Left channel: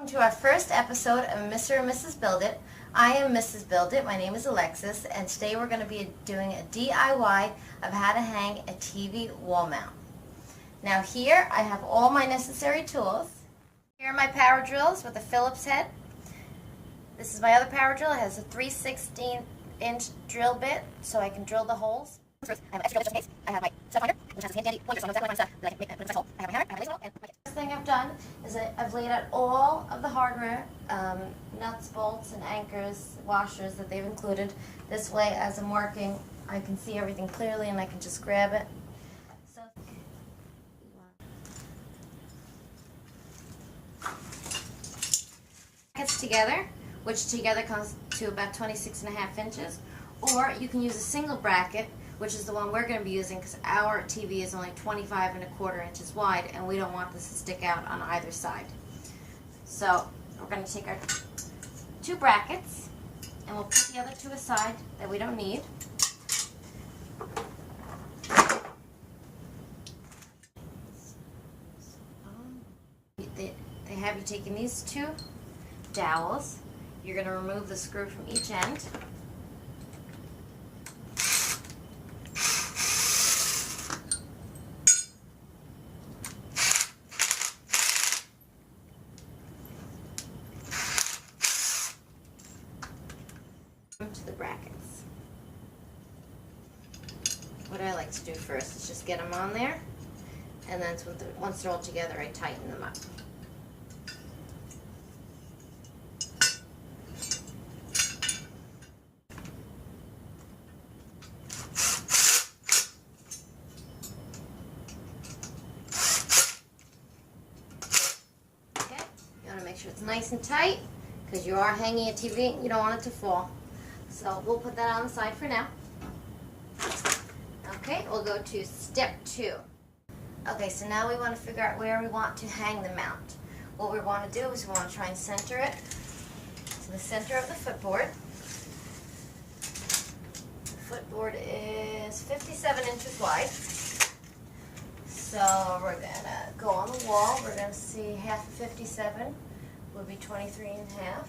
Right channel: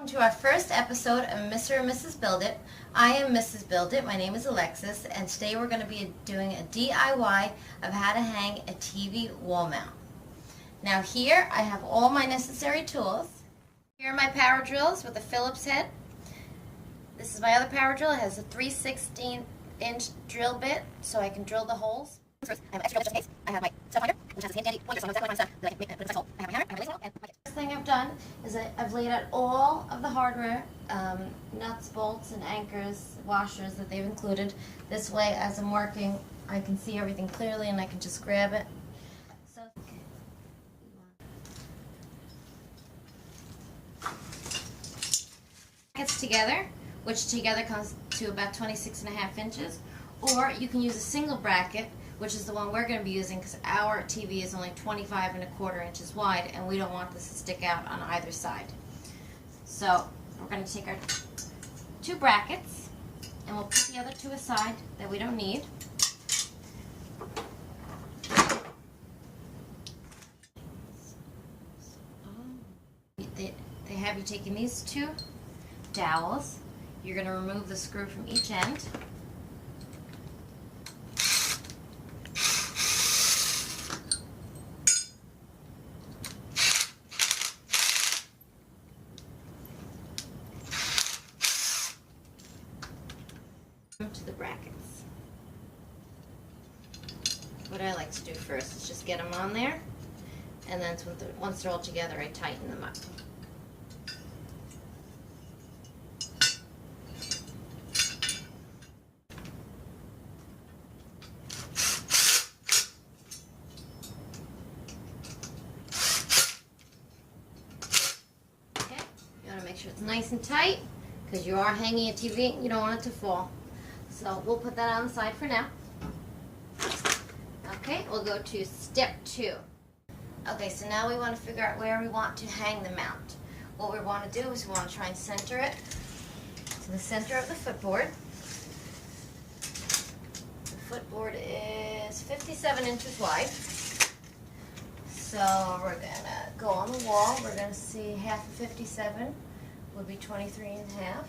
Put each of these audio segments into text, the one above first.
Welcome to our first episode of Mr. and Mrs. Build It. I am Mrs. Build It. My name is Alexis, and today we're going to be doing a DIY of how to hang a TV wall mount. Now here I have all my necessary tools. Here are my power drills with a Phillips head. This is my other power drill. It has a 3/16-inch drill bit, so I can drill the holes. First, I have an extra drill just in case. I have my stud finder, which has a handy pointer, so I know exactly what stuff that I can put in this hole. I have my hammer, I have my laser, and my kit. The first thing I've done is I've laid out all of the hardware, nuts, bolts, and anchors, washers that they've included. This way, as I'm working, I can see everything clearly and I can just grab it. So, okay. Brackets together, which together comes to about 26.5 inches, or you can use a single bracket, which is the one we're going to be using because our TV is only 25.25 inches wide and we don't want this to stick out on either side. So we're going to take our two brackets and we'll put the other two aside that we don't need. They have you taking these two dowels. You're going to remove the screw from each end. To the brackets. What I like to do first is just get them on there, and then once they're all together, I tighten them up. Okay, you want to make sure it's nice and tight because you are hanging a TV. You don't want it to fall. So we'll put that on the side for now. Okay, we'll go to step 2. Okay, so now we want to figure out where we want to hang the mount. What we want to do is we want to try and center it to the center of the footboard. The footboard is 57 inches wide. So we're going to go on the wall. We're going to see half of 57 would be 23 and a half.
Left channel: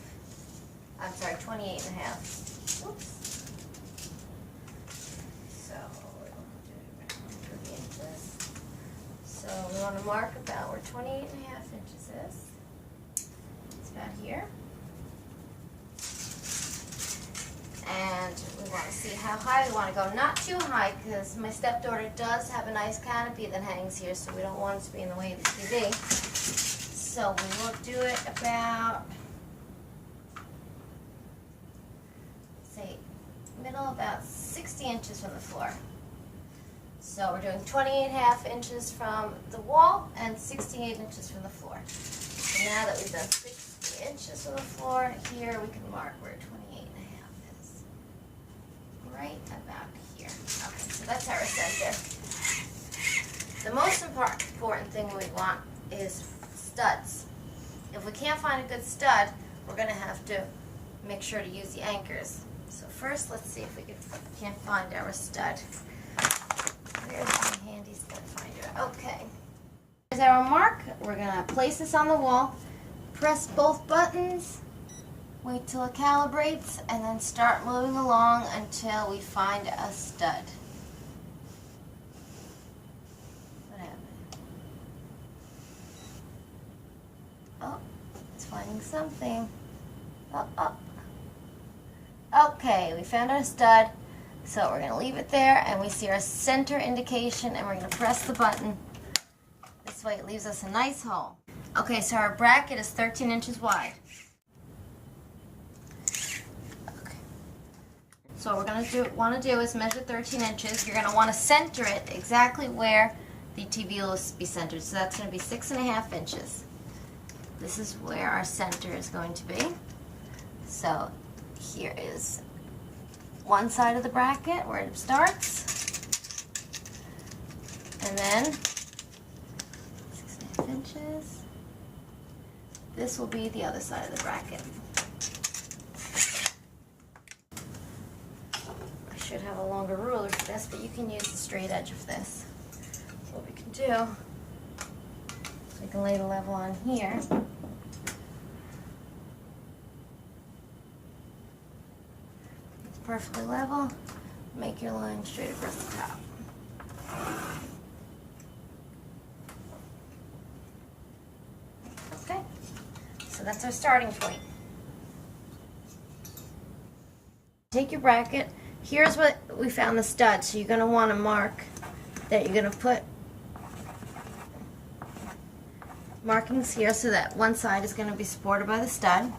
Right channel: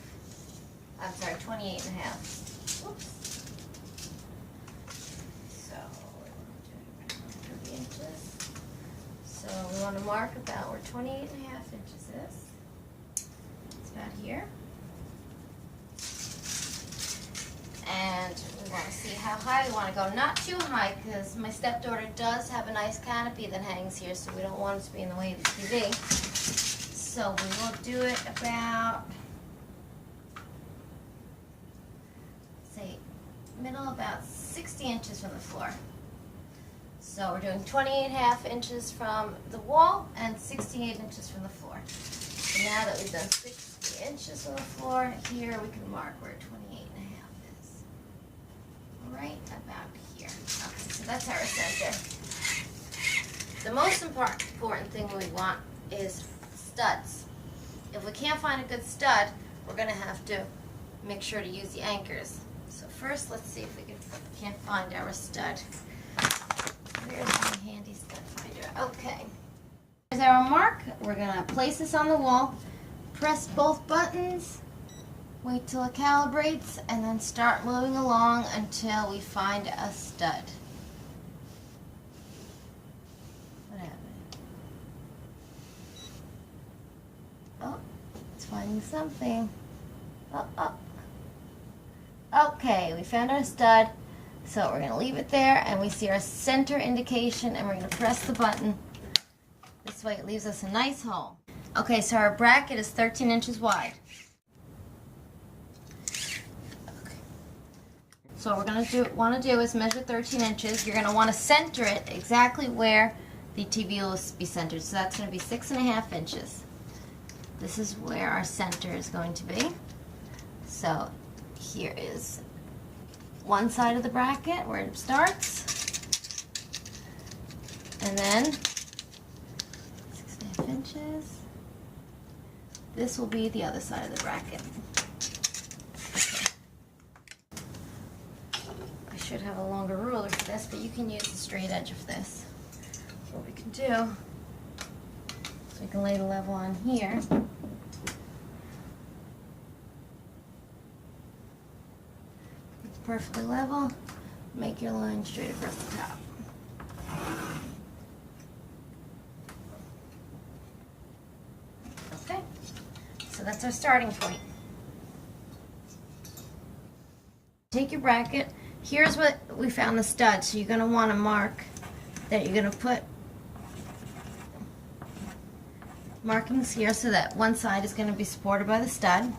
I'm sorry, 28 and a half. Whoops. So we want to do it about 30 inches. So we want to mark about where 28 and a half inches is. It's about here. And we want to see how high we want to go. Not too high because my stepdaughter does have a nice canopy that hangs here, so we don't want it to be in the way of the TV. So we will do it about, say, middle about 60 inches from the floor. So we're doing 28.5 inches from the wall and 68 inches from the floor. So now that we've done 60 inches from the floor, here we can mark where 28.5 is. Right about here. Okay, so that's our center. The most important thing we want is studs. If we can't find a good stud, we're going to have to make sure to use the anchors. So first, let's see if we can't find our stud. Where's my handy stud finder? Okay. Here's our mark. We're going to place this on the wall, press both buttons, wait till it calibrates, and then start moving along until we find a stud. What happened? Oh, it's finding something. Oh. Okay, we found our stud, so we're going to leave it there, and we see our center indication, and we're going to press the button. This way it leaves us a nice hole. Okay, so our bracket is 13 inches wide. Okay. So what we're going to want to do is measure 13 inches. You're going to want to center it exactly where the TV will be centered. So that's going to be 6.5 inches. This is where our center is going to be. So here is one side of the bracket where it starts, and then 6.5 inches. This will be the other side of the bracket. Okay. I should have a longer ruler for this, but you can use the straight edge of this. What we can do, so we can lay the level on here. perfectly level. Make your line straight across the top. Okay, so that's our starting point. Take your bracket. Here's what we found the stud. So you're going to want to mark that you're going to put markings here so that one side is going to be supported by the stud.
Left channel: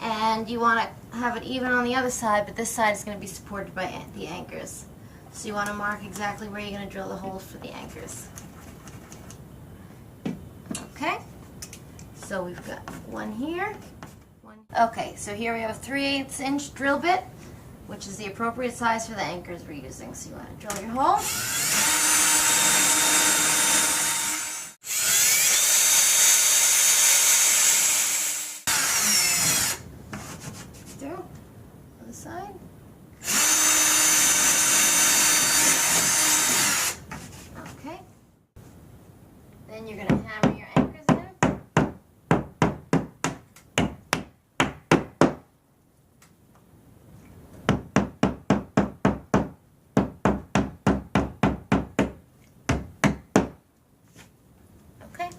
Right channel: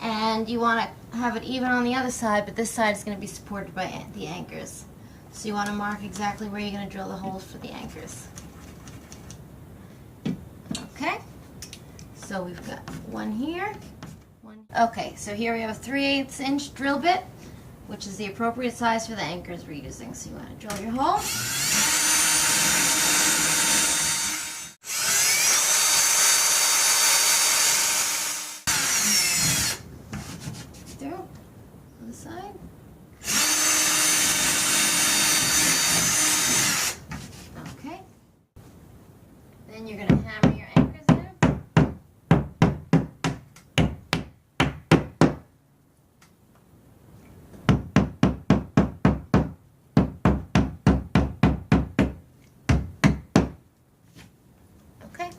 And you want to have it even on the other side, but this side is going to be supported by the anchors. So you want to mark exactly where you're going to drill the holes for the anchors. Okay, so we've got one here. Okay, so here we have a 3/8 inch drill bit, which is the appropriate size for the anchors we're using. So you want to drill your hole. Through, other side. Okay. Then you're going to hammer your anchors in. Okay.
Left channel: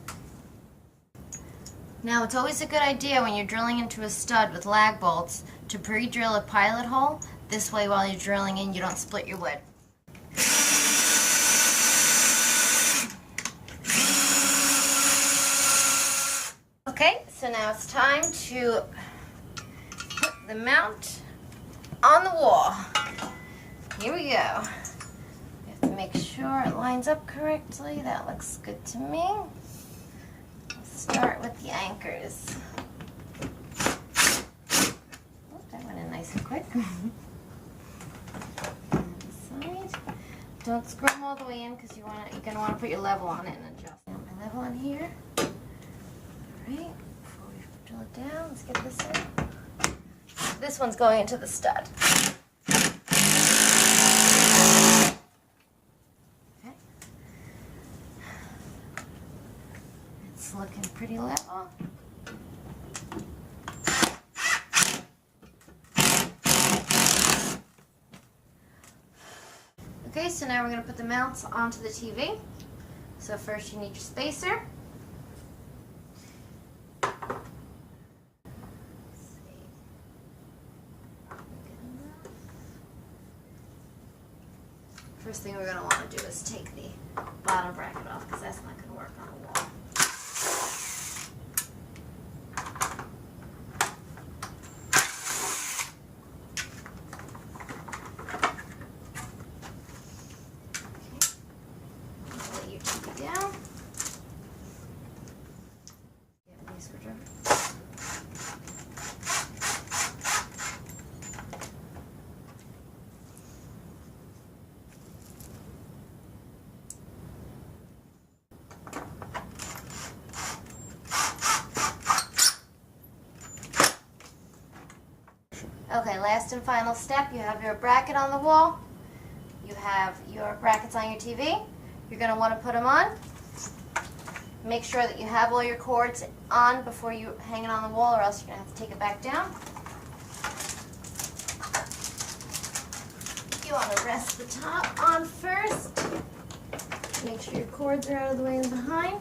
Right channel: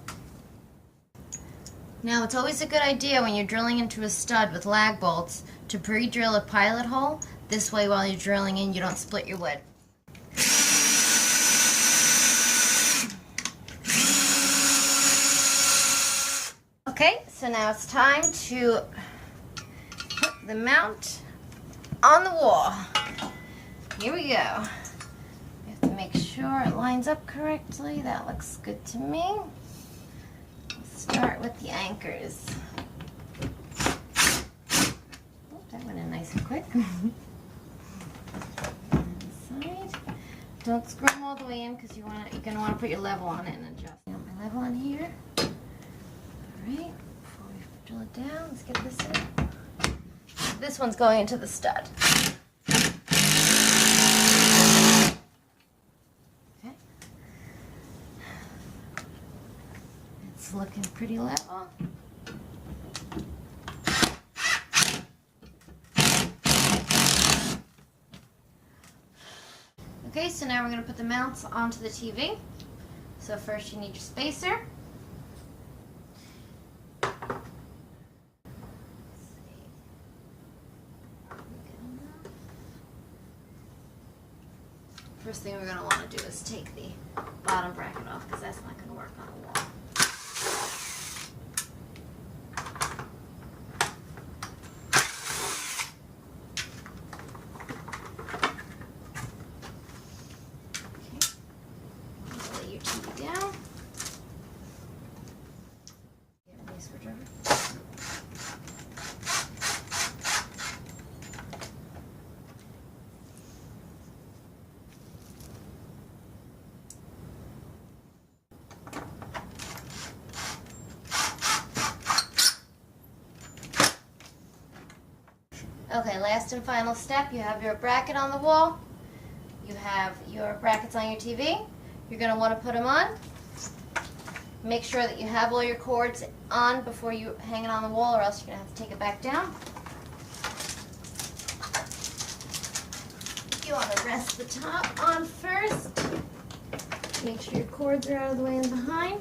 Now it's always a good idea when you're drilling into a stud with lag bolts to pre-drill a pilot hole. This way while you're drilling in you don't split your wood. Okay, so now it's time to put the mount on the wall. Here we go. You have to make sure it lines up correctly. That looks good to me. Let's start with the anchors. Oh, that went in nice and quick. Side. Don't screw them all the way in because you're going to want to put your level on it and adjust. I got my level on here. Alright, before we drill it down, let's get this in. This one's going into the stud. Okay. It's looking pretty level. Okay, so now we're going to put the mounts onto the TV. So first you need your spacer. First thing we're going to want to do is take the bottom bracket off because that's not going to work on the wall. Okay, I'm going to lay your TV down. Get a screwdriver. Okay, last and final step, you have your bracket on the wall, you have your brackets on your TV, you're going to want to put them on. Make sure that you have all your cords on before you hang it on the wall or else you're going to have to take it back down. You want to rest the top on first. Make sure your cords are out of the way and behind.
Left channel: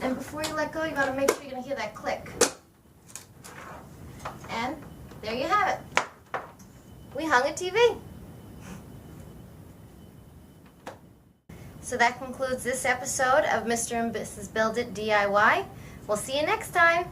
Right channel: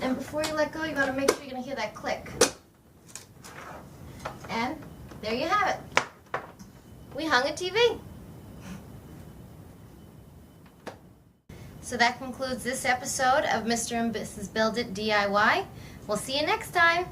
And before you let go, you got to make sure you're going to hear that click. And there you have it. We hung a TV. So that concludes this episode of Mr. and Mrs. Build It DIY. We'll see you next time.